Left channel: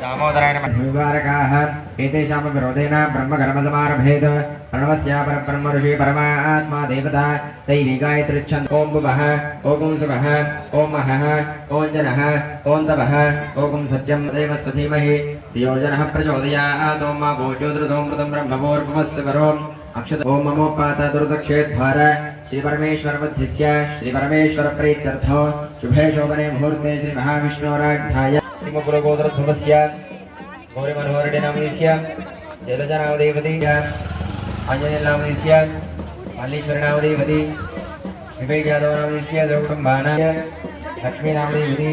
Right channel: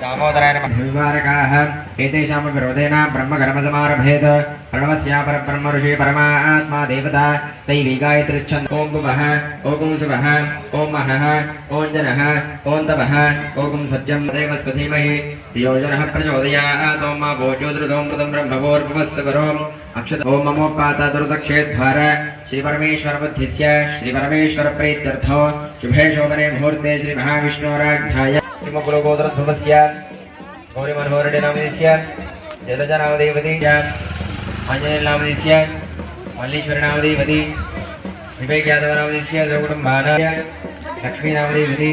दामोदराय नमः। एतेषां विरोधेन ब्रह्मकर्मसमारभेत प्रणवस्या परब्रह्म ऋषि परमात्मा देवता दैवी गायत्रीच्छन् ओं भुवः ओं शिवः ओं महः ओं जनः ओं तपः ओं सत्यं देवस्य धीमहि धियो जनः प्रचोदयात् ओं मा भोज्योतिरुदोमृतं ब्रह्मभोर्भुवस्सवरोम् अक्षत ओं ममोपाता दुर्दक्षेद्वार श्री परमेश्वर बुद्धिस्य श्री परमेश्वर प्रीत्यर्थो शुभे शोभने मुहूर्ते श्री महाविष्णोराध्याय श्रीमकुलगोत्रध्रुवस्य गौरी मनोहरडे नामदेस्य जलजा नामदेवती आंजनेय नामदेस्य मल्लीश्वर नामदेवती विवेक यादव नामदेस्य जगकुटुंबानाय लक्ष्मी नामदेवती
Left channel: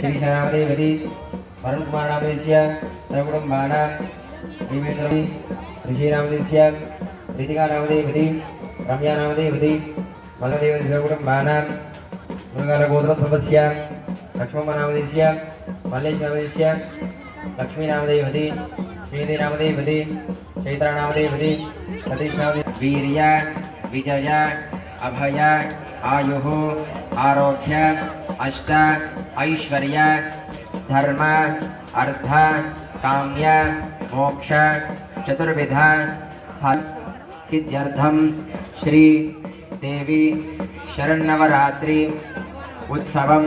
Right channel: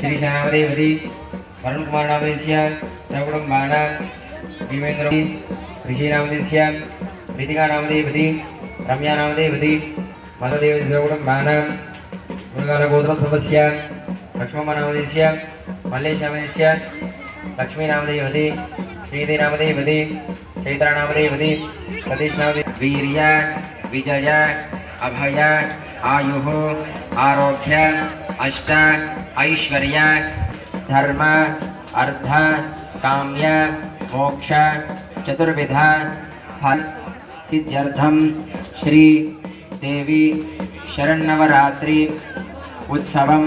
श्रीशा नामदेवती वरुण कुमार नामदेस्य जगकुटुंबाना भीमेंद्र ऋषि नामदेस्य प्रीतिका नामदेवती रम्या नामदेवती मलदेवती जगकुटुंबाना मुरुगलगोत्रध्रुवस्य लक्ष्मण नामदेस्य मल्लेश नामदेस्य लक्ष्मी नामदेवती श्रीदेवी नामदेवती चैत्रा नामदेवती सतीश नामदेवती वीर्य विजय अभय आयुः आरोग्य अष्ट ऐश्वर्य धर्म अर्थ काम्य मोक्ष चतुर्विध फल सिद्ध्यर्थम श्री देवी शरण्नवरात्रि उत्सवं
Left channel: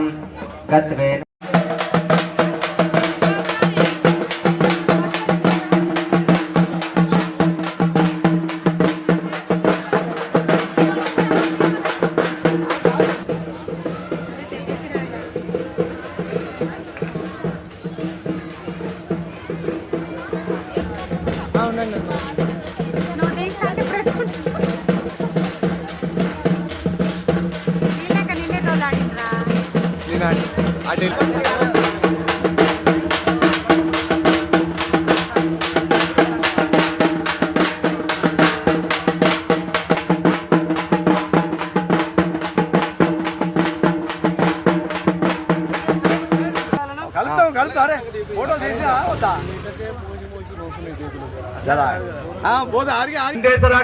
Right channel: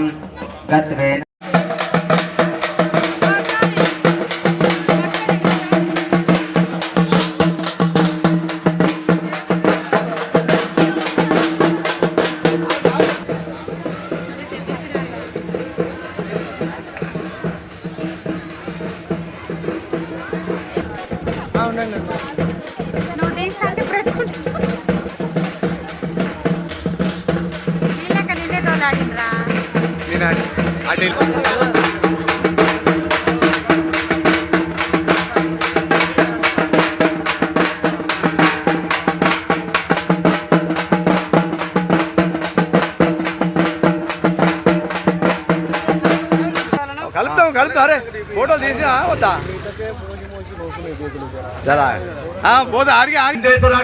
गत्वे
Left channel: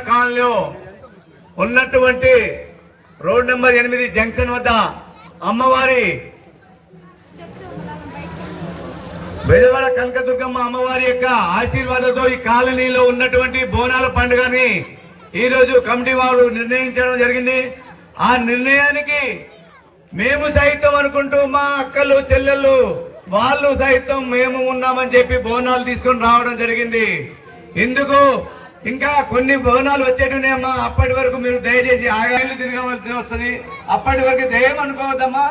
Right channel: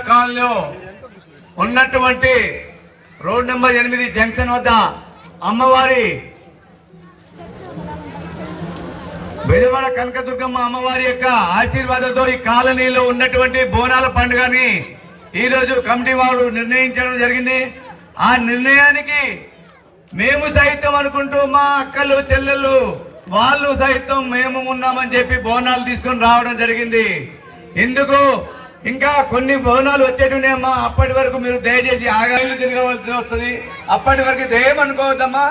కాలనీలో ఉన్నటువంటి రోడ్ నెంబర్ 8 జంక్షన్ వద్ద అమ్మవారి బెజవాడ కనకదుర్గమ్మ అమ్మవారి యొక్క ఆశీర్వాదంతో ఈ కాలనీలో ఉన్నటువంటి బోనాల పండుగని ఈ రోజు కమిటీ వారు నిర్ణయించడం జరిగింది. ఆ నిర్ణయానికి మేము సైతం అనుకుంటూ మా అక్కలు చెల్లెళ్ళు వాళ్ళు సైతం మేము ఉన్నామని చెప్పి బోనాలు తీసుకొని రావడం జరిగింది. ఇందుకు ఇంకా కొన్ని బోనాలు వచ్చేటున్నాయమ్మా. అప్పటి వరకు మీరు దయచేసి ఆగాయిలు తిరగవలసి వస్తుంది. అప్పటి వరకు దయం అనుకోవద్దమ్మా.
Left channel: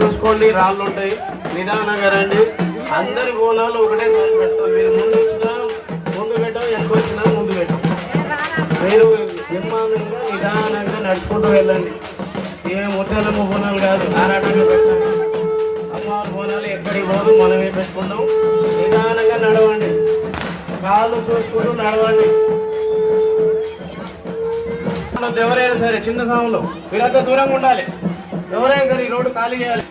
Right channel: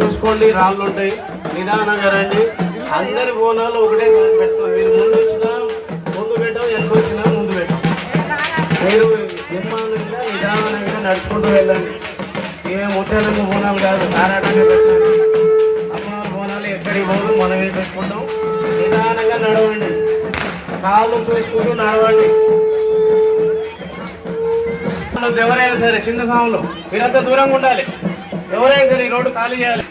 చూసుకోండి, రాళ్ళు ఉంటాయి, నిదానంగా రండి. అందరి బోనాలు ఒకటే పెడతాం. మీరు ముందు వచ్చినా ముందు పెట్టాం, వెనక వచ్చినా ముందు పెట్టాం. మీరు నిర్మాణంగా నిదానంగా నడుచుకుంటూ వెళ్ళండి. ఏ ముత్యాలమ్మ బోనాలు కాదు, ఆరాటంగా పెట్టండి. అమ్మవారి బోనాలు ఎక్కడికి పోదు, మనమే పెట్టుకుంటాం. నిదానంగా నడవండి, కాళ్ళు చూసుకుంటూ నడవండి. ఉండదు ఎవరైనా సరే, చిన్న సాములు మీరంతా దూరంగా ఉండాలి. ఎవరైనా సరే ఈ రోడ్డు ఖాళీ చేయాలి.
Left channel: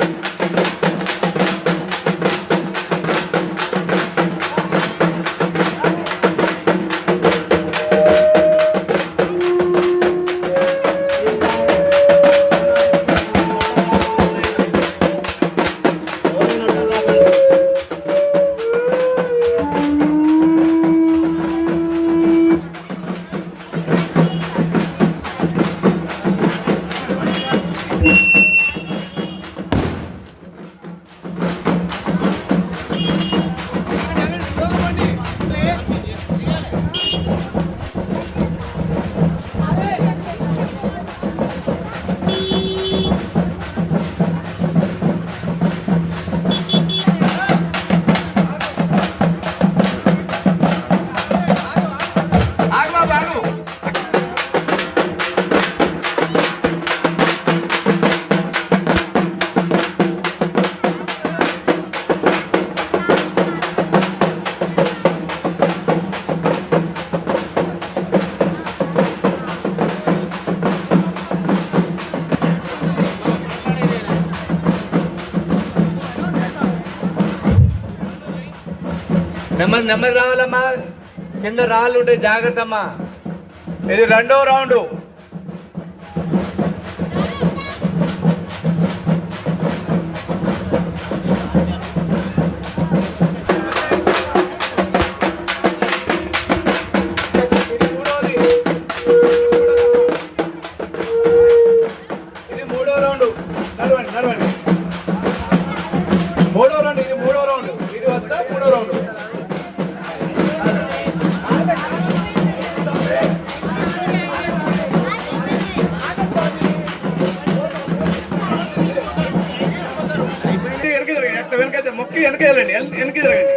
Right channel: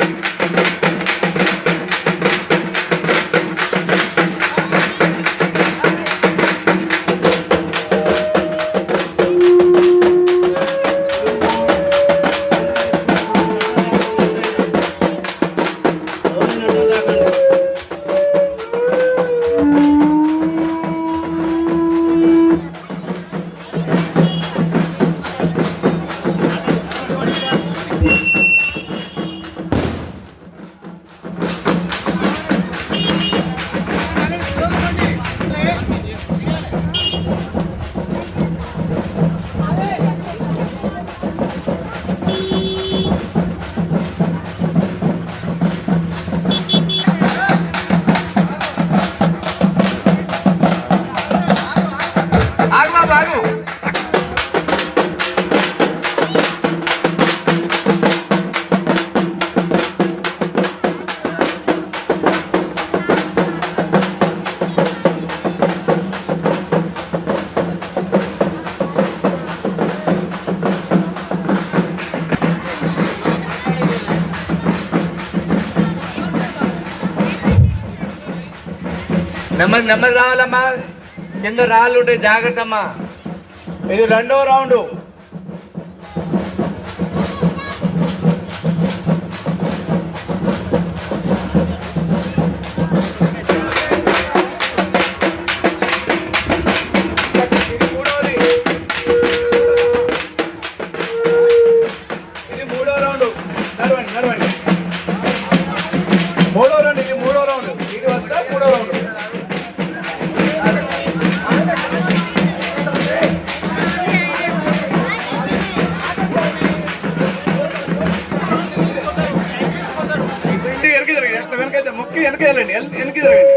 నెమ్మది రావాలమ్మా, కింద రాళ్ళు ఉంటాయి, జాగ్రత్త అమ్మా. ఇది 2వ రౌండ్. ఇది 3వ రౌండ్. నడవండి. 3వ రౌండ్. ఇది 3వ రౌండ్. ఇది వస్తా 3వ రౌండ్. వెనకైతే మొక్కి వెనక వెళ్ళండి, వెనక్కి జరగండి.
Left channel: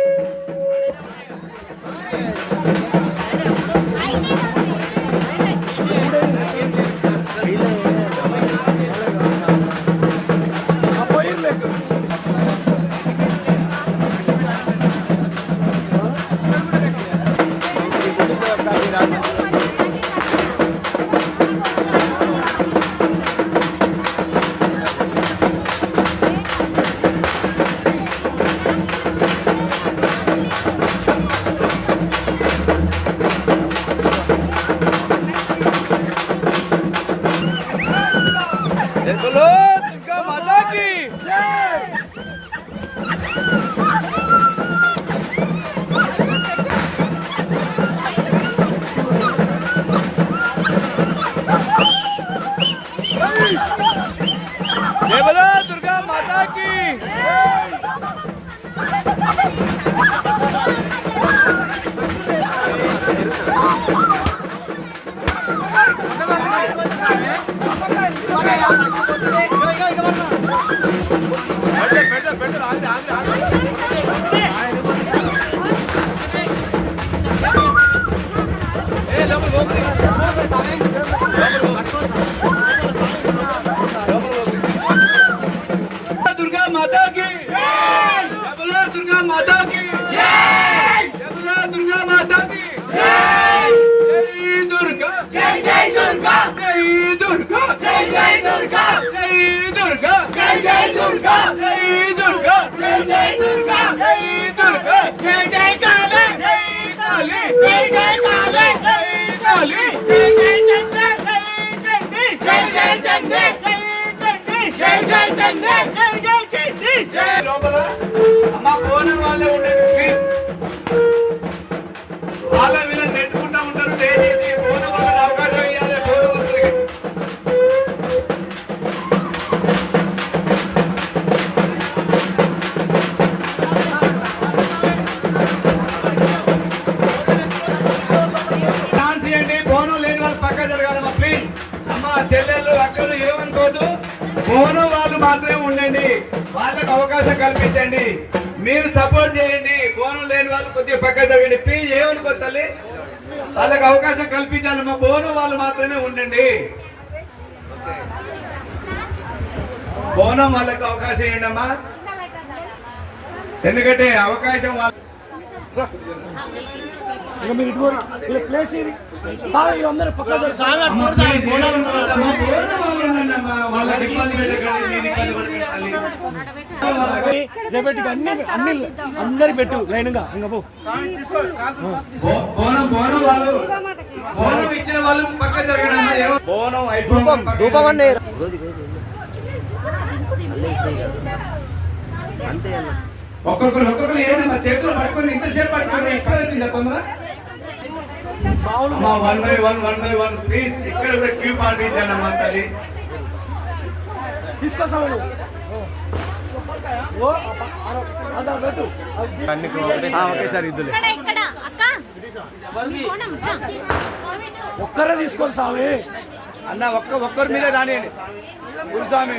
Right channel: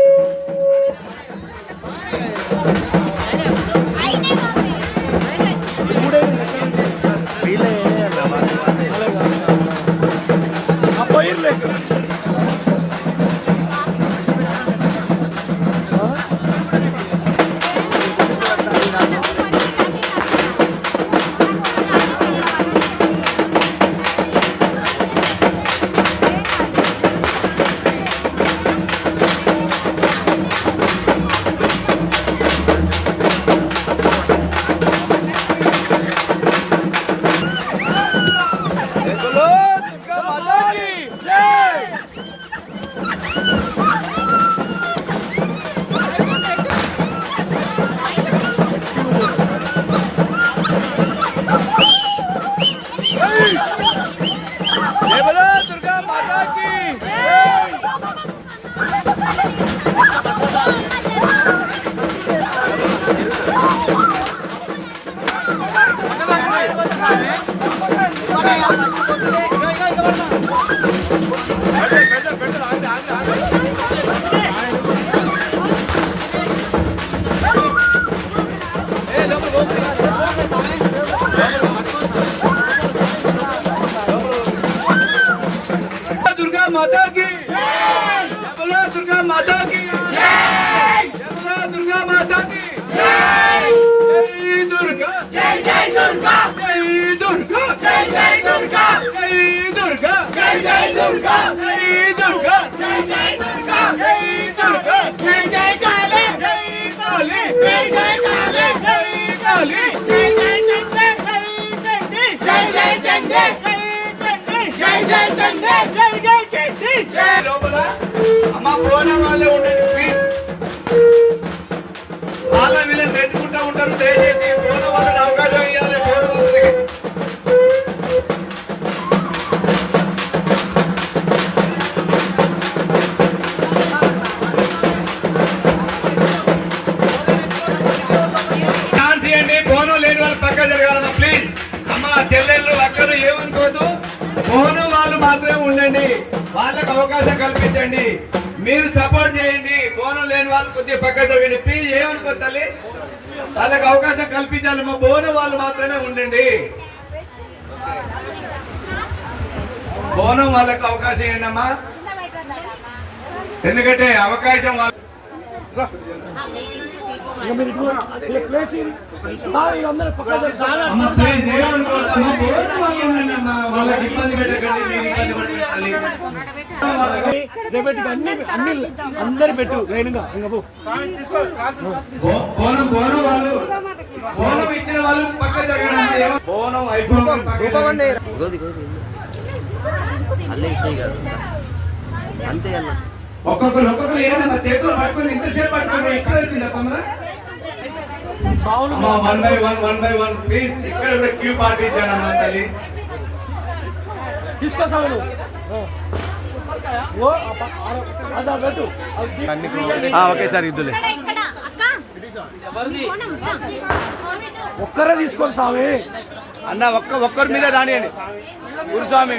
అమ్మ బోనం వాళ్ళే ఉండేది, వాళ్ళ వీళ్ళని పెట్టుకుంటా ఉంటారు. దయచేసి బోనం వాళ్ళని అవకాశం ఇవ్వాలి. బోనం వాళ్ళకి ఛాన్స్ ఇవ్వండి. బోనం లేని వాళ్ళు పక్క జరగాలమ్మా ప్లీజ్. అమ్మ చెల్లెళ్ళు అక్కలు ఏమనుకోదు, బోనం వాళ్ళు మాత్రమే ఉండండి. వాళ్ళకు అవకాశం కల్పించండి, మీరు సపోర్ట్ చేయండి. బోనం లేని వాళ్ళు కొద్దిగా పక్క జరగండి ప్లీజ్. ఏమనుకో తల్లి, వాళ్ళకి అవకాశం కల్పించాలి. మా బోనం వాళ్ళు మాత్రమే ఉండండి. బోనం వాళ్ళకి అవకాశం ఇవ్వండి అమ్మా, ఎందుకంటే అవకాశం వాళ్ళు అమ్మ ప్లీజ్ ఏమనుకోవద్దమ్మా. బోనం వాళ్ళు ఉండండి అమ్మా. వాళ్ళకి ఇబ్బంది పెట్టకండి, మీరు ఇబ్బంది పెట్టకండి. రేపటికి అన్ని అందరు పెట్టు లైన్గా బోనం వాళ్ళు బోనం ఇచ్చిన వాళ్ళు పక్క జరగడమ్మా. బోనం అయిపోయింది. ఒక్కొక్కరు ఏదమ్మా చేతులు పట్టుకుని ఇంతసేపు పట్టుకుని ఎక్కడ వచ్చింది తొందర. One by one please. ఇక్కడ కూడా క్యూ పాటించానమ్మా తల్లి. తీసుకొస్తాను ఒకేసారి ఇద్దులే. ఒక్కరే తీసుకోవాలి స్వామి అన్న ఒక్కరి మీద రానియండి గురుస్వామి.